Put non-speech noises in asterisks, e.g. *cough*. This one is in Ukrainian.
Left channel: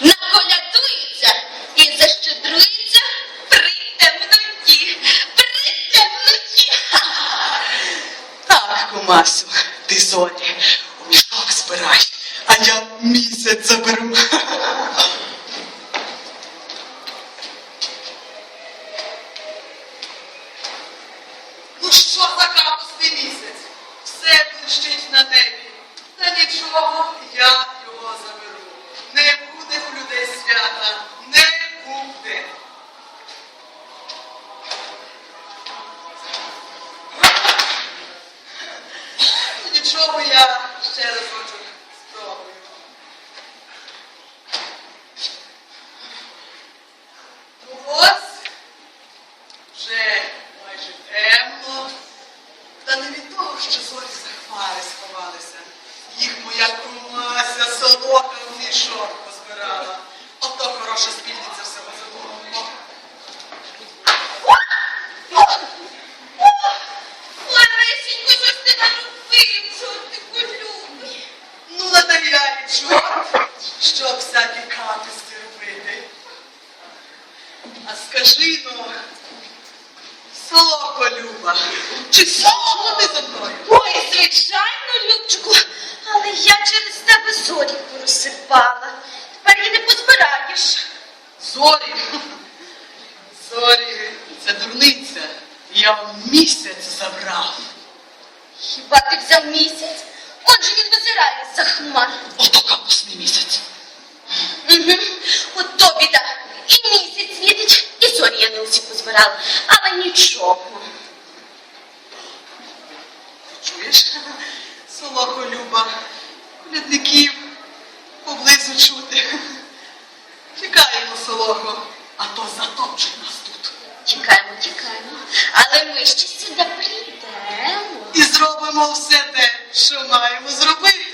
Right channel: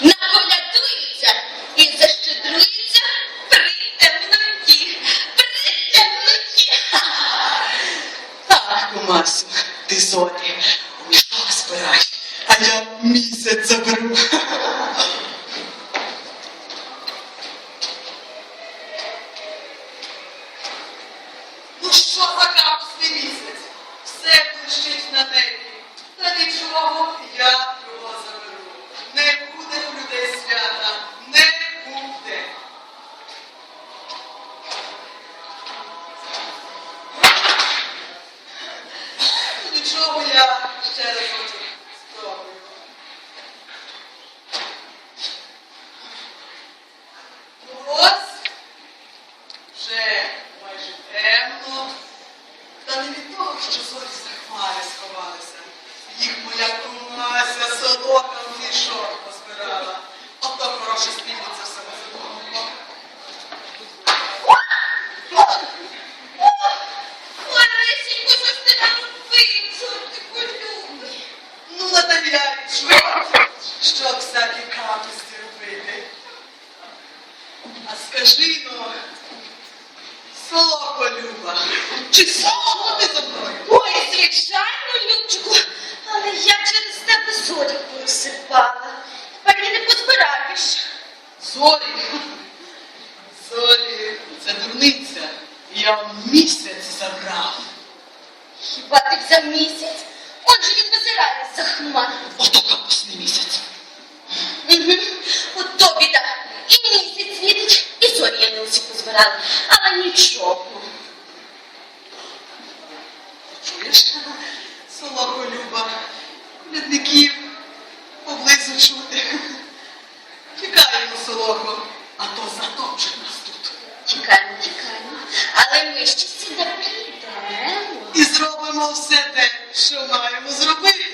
наколядуються і защедрується при темноті. При темноті. *laughs* Так, кумасю, ти зорі у мішок збирай, а я місяць заберу. *laughs* Ну що за капусний місяць? Ну, би я ще спробую. Ну ось, вже майже темно. Та не від того, що зорі за хмари сховалися. Їх моя комася солока в мішок Наталячу, щоб всякі капусті робити. А скажи ну, солоко Люба, чи слухала ти за мною? Ой, звичайно, Любчику, але я через тебе зорі порозсипала. Тепер її не позбираєш. Зорі. Зорі, це дурниця. Я вам місяць забрав. Хіба ти взяв місяць? Отже він визирає за хмар. Ото капусний місяць. Угу. От то біда. І місяць світить, і зорі я не усі позбирала. Але нічого. Чуєш? Солоко Люба, колядників поблизу чути. Тікаємо, Солохо, а то затопчуть нас тут. Чекаємо, чекаємо. Але ми ще сюди прийдемо. І зробимо все те, що маємо зробити.